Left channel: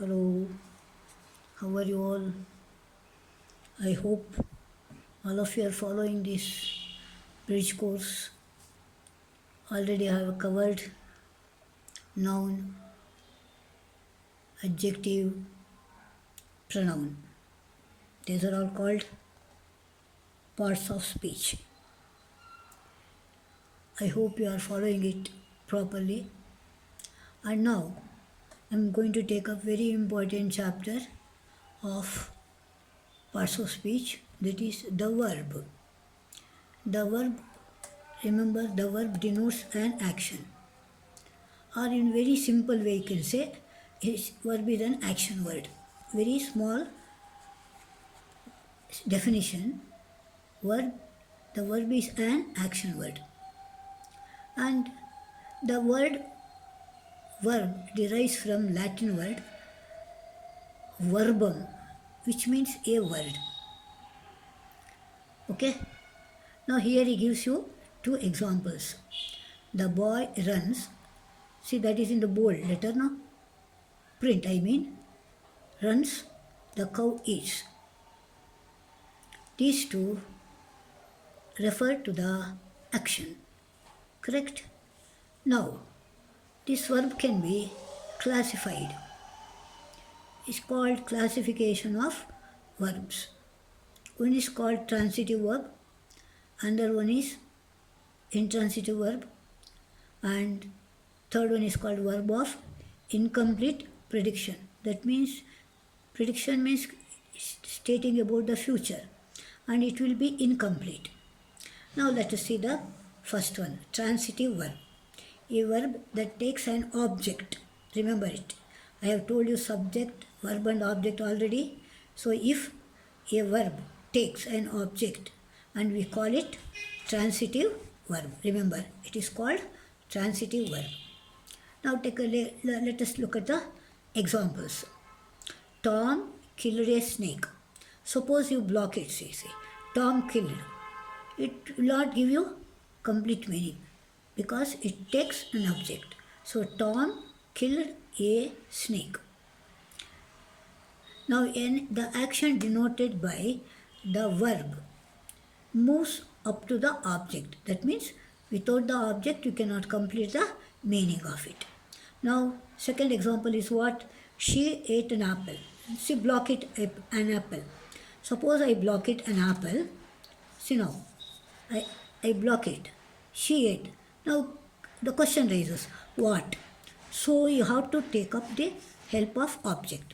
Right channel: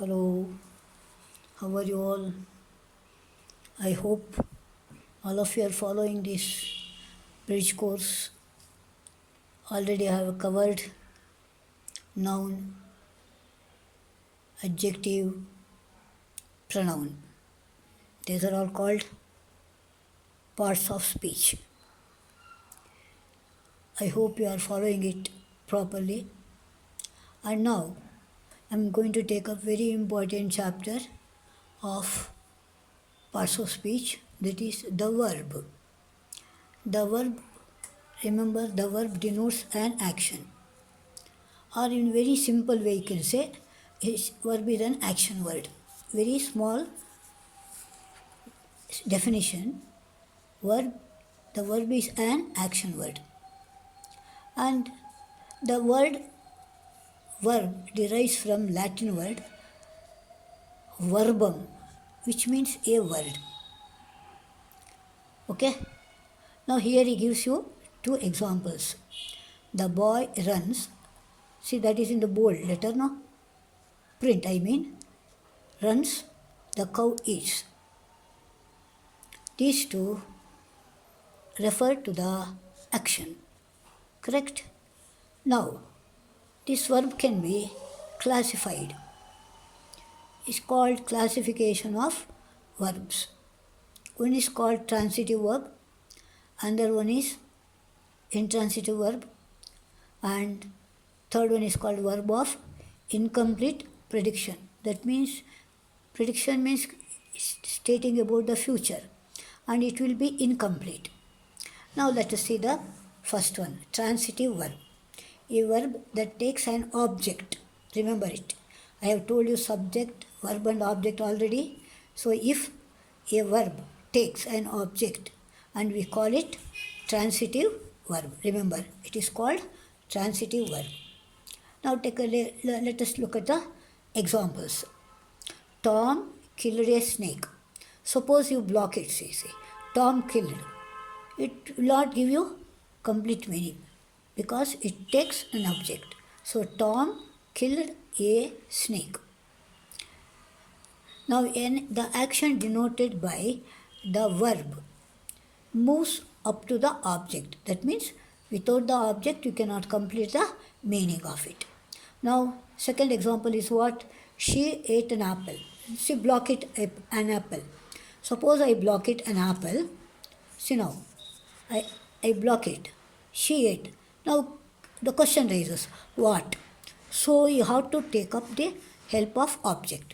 Hello, how are you all? I hope all of you are following this bridge course. Already I have covered noun, adjective, pronoun. These are all called parts of speech. I hope you are following it properly. And now I'm going to take a very important chapter of parts of speech, that is the verb. The verb, remember, the verb denotes an action. Or in very simple way you can say verb is an action word. Very small definition. The verb is an action word. And the word verb derives from Latin word verbum, which means a word. Okay? Now here he gives you two examples. The boy runs. See, that is in the bold letter, no? Print, I mean. Runs. The cow eats. These two refer to the action. Correct? Now, this verb can be classified. It's called classification of verbs. One is called transitive verb, another one is intransitive verb, and third one is called verb of incomplete prediction. That means prediction means stating about the future, and it will be incomplete. Now let us see the first one, transitive verb. A verb that takes an object. Remember it. I have told you subject, verb and object already. So if a verb takes an object and we call it transitive verb. Remember, it is called transitive verb. Now let us look at the examples. Tom killed a snake. Suppose you block it, say. Tom killed. It will not give you complete meaning because it takes an object. So Tom killed a snake. Now the action denoted by the verb moves up to the object. That means without the object you cannot complete the meaning of it. Now second example is what? She ate an apple. See, block it an apple. Suppose I block it an apple. See now, I block it. She ate. Now the question raises, what? So you have to take up the help of object.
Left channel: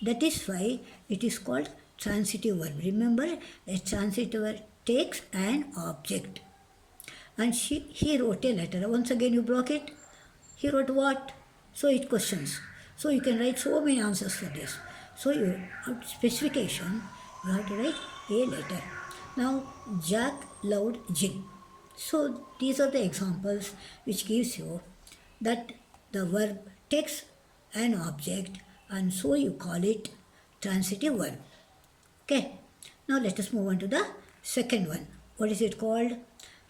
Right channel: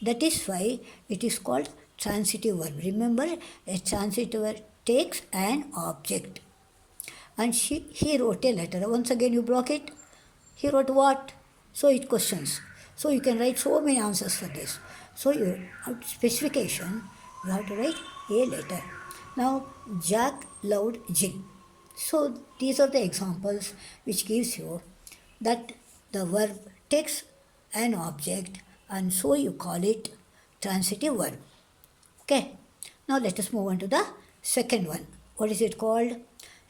That is why it is called transitive verb. Remember, a transitive verb takes an object. And he wrote a letter. Once again you block it. He wrote what? So it questions. So you can write so many answers for this. So your specification, you have to write a letter. Now Jack loved gin. So these are the examples which gives you that the verb takes an object and so you call it transitive verb. Okay. Now let us move on to the second one. What is it called?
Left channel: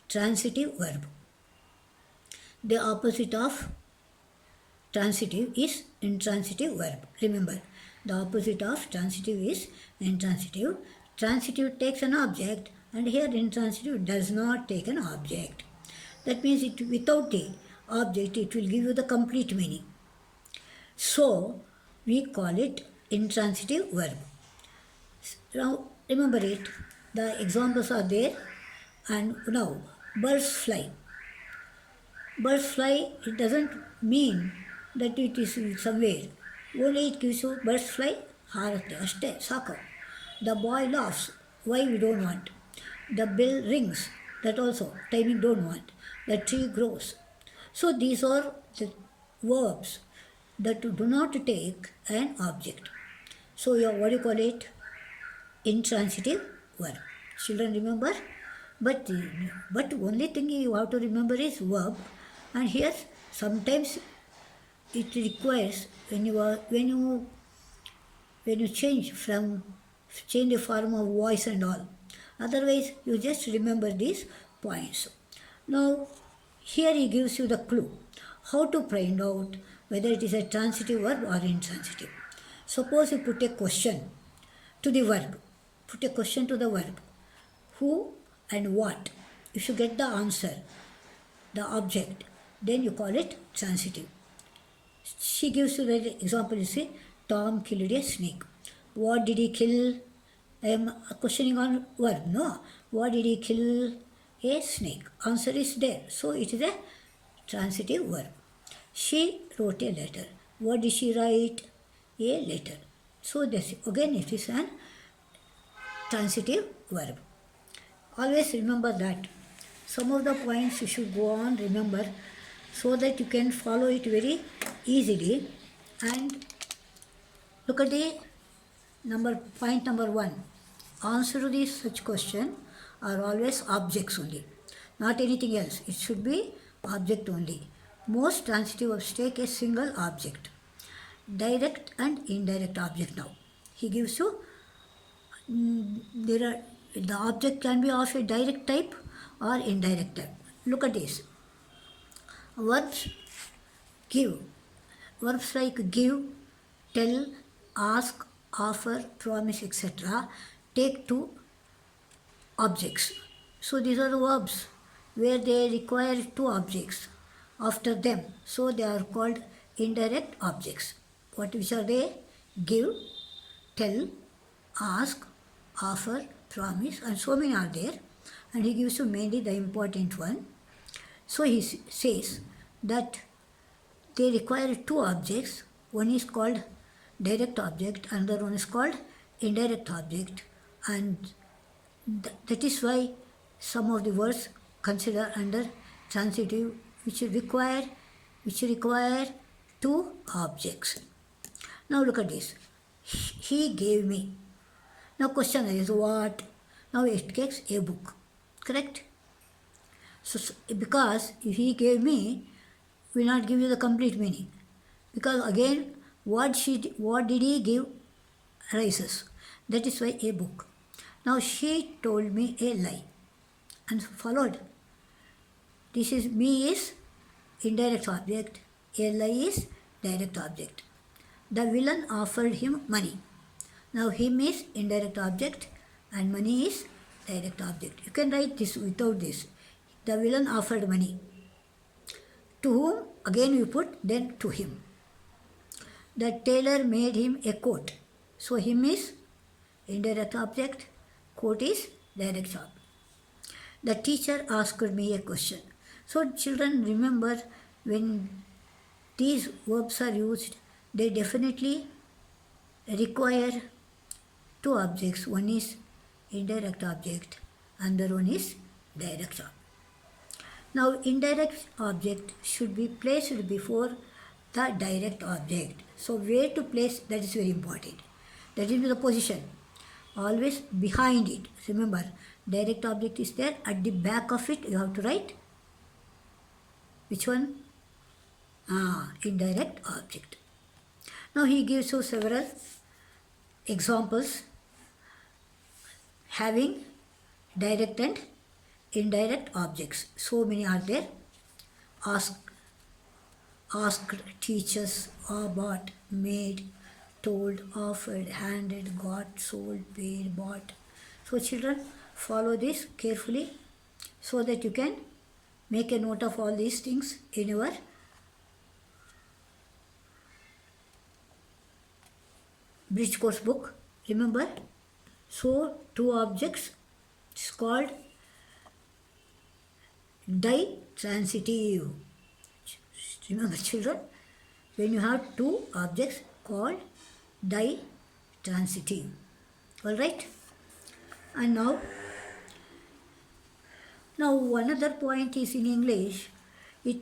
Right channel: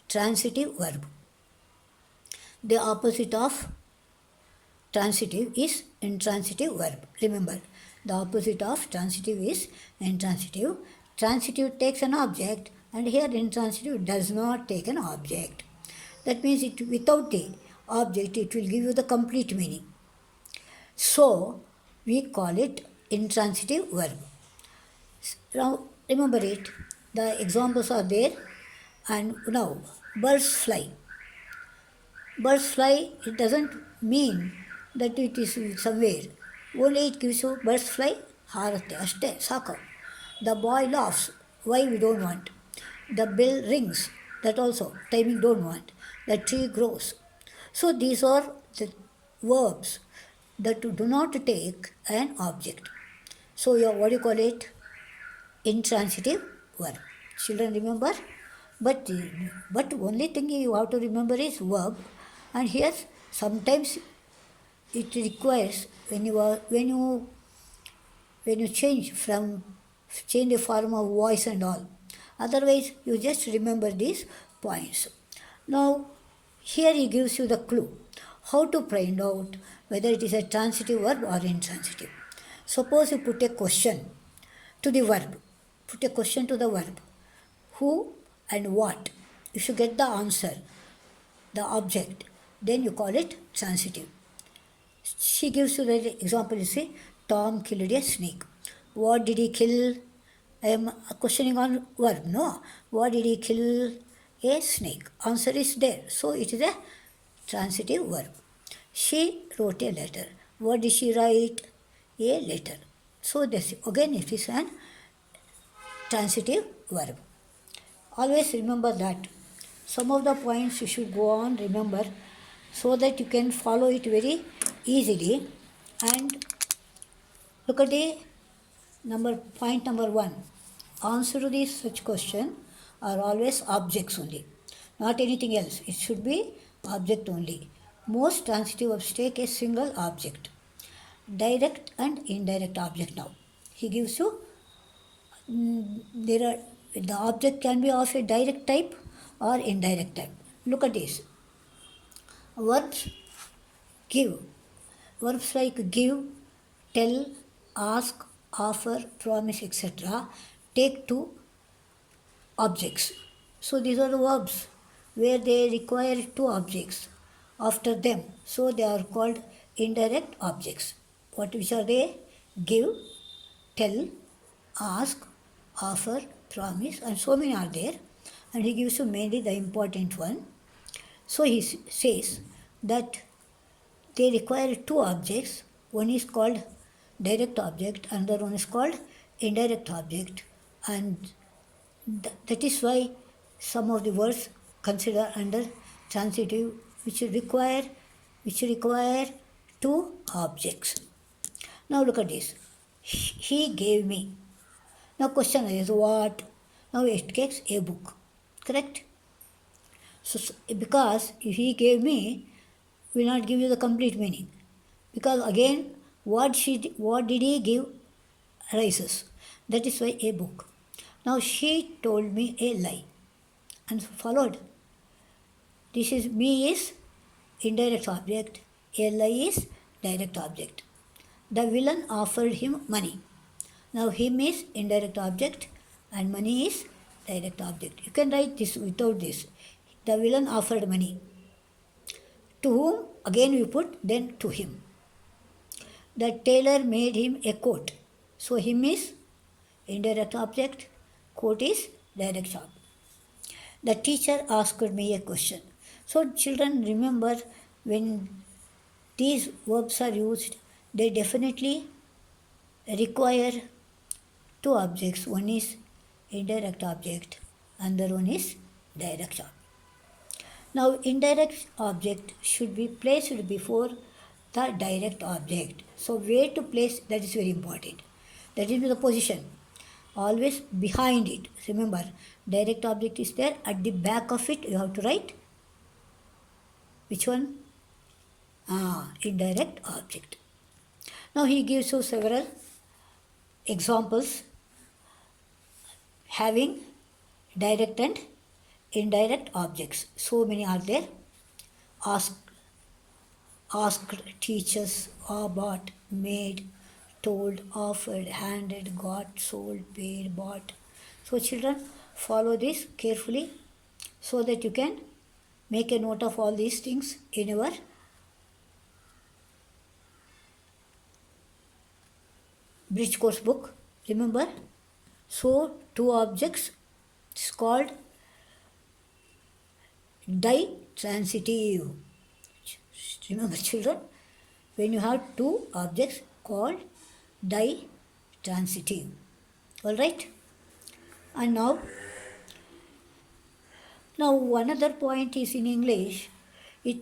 Transitive verb. The opposite of transitive is intransitive verb. Remember, the opposite of transitive is intransitive. Transitive takes an object and here intransitive does not take an object. That means without the object it will give you the complete meaning. So we call it intransitive verb. Now remember it. The examples are there. And now birds fly. Birds fly, it doesn't mean that it is somewhere. Only it gives you birds fly, harate, ashte, saka. The boy laughs, why we don't want. The bell rings, that also, timing don't want. The tree grows. So these are the verbs that do not take an object. So what do you call it? Intransitive verb. Children remember? But only thing you have to remember is verb. And here sometimes it requires when you change the form of voice and all. Otherwise you just remember these points. Now here he gives you the clue how to find out whether it is a transitive verb or intransitive. Suppose you put a question to the verb. Put a question to the verb. Who and what? If you get the answer, the object, then you call it transitive. She gives you the example, you see, Tom killed a snake. What did he kill? I am questioning on verb, no? What did he kill? A snake. Answer is there. So it is a transitive verb. She wrote a letter. What did she write? A letter. So this again it is an transitive verb. Always remember that. Some of the points you should go on remember so that you can follow it very easily. And look at the point number 1. Answer to this such question are always objects only, not anything else. It should be object only. Most transitive verbs take a single object. Direct and indirect object now. He gives you the object can be of a direct type or indirect type. Look at this. Verbs give. Verbs like give, tell, ask, offer, promise, etc. take two objects. So these are the verbs where they require two objects after them. So they are called indirect objects. Which are they? Give, tell, ask, offer, promise, and so many are there. And he gives you mainly the important one. So he says that they require two objects. One is called direct object, another one is called indirect object. And that is why some of the words considered under transitive which require two objects. Now look at this. He gave me. Now question is what? Now it takes a book. Correct? So because if he gave me, will not give you the complete meaning. Because again, what did he give arises. That is why a book. Now she told me a lie and followed. This is me is indirect object, a lie is direct object. The villain offered him money. Now him is indirect object and money is direct object. You can write this without this. The villain offered money. To whom? Again you put then to him. The tailor made him a coat. So him is indirect object, coat is direct object. The teacher asked me a question. So children, remember when these verbs are used, they definitely require two objects. One is indirect object, another one is direct object. Now indirect object should be placed before the direct object. So where to place, that is very important. That is the position. Always behind it. Remember, direct object is there. At the back of it, you have to write which one? Indirect object. Now he gives you several examples having direct and indirect objects. So many are there. Asked, teaches, bought, made, told, offered, handed, got, sold, paid, bought. So children, follow this carefully so that you can make a note of all these things in your bridge course book. Remember, so two objects is called ditransitive. Remember children, when you have two objects called ditransitive. Alright? And now another point is in English, a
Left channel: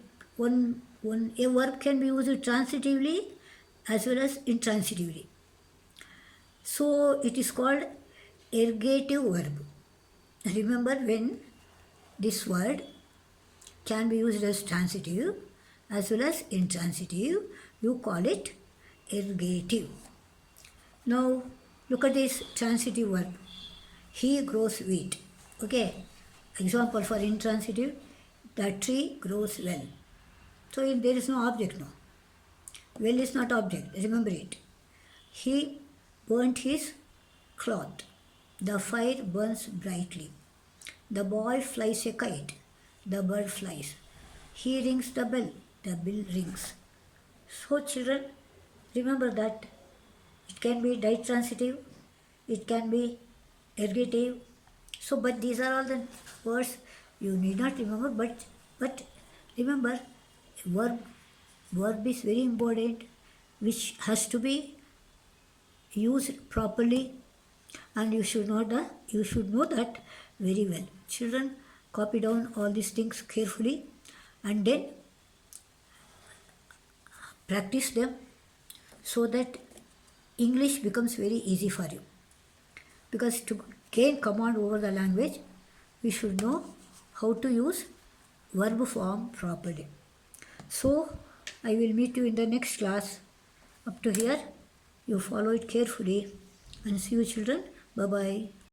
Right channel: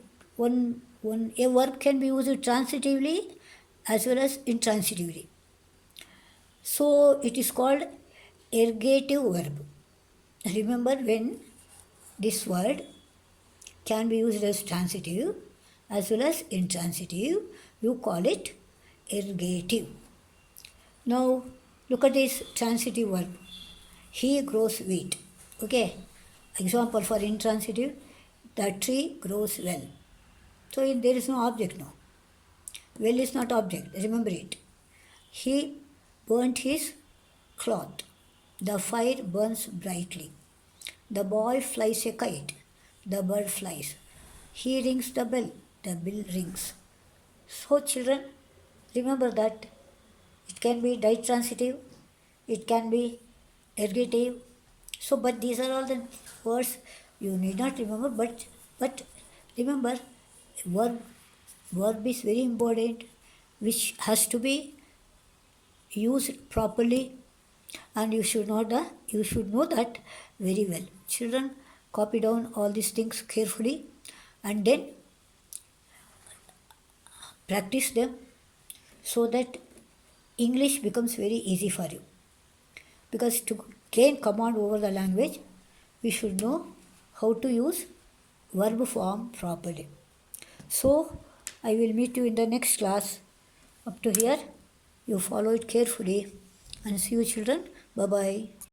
verb can be used transitively as well as intransitively. So it is called ergative verb. Remember, when this word can be used as transitive as well as intransitive, you call it ergative. Now look at this transitive verb. He grows wheat. Okay. Example for intransitive, the tree grows well. So there is no object now. Well is not object, remember it. He burnt his cloth. The fire burns brightly. The ball flies a kite. The bird flies. He rings the bell. The bell rings. So, children, remember that it can be ditransitive, it can be ergative. So, but these are all the words you need not remember, but remember, verb verb is very important, which has to be used properly, and you should know that very well. Children, copy down all these things carefully and then practice them so that English becomes very easy for you. Because to gain command over the language, we should know how to use verb form properly. So, I will meet you in the next class. Up to here, you follow it carefully and see you children. Bye bye.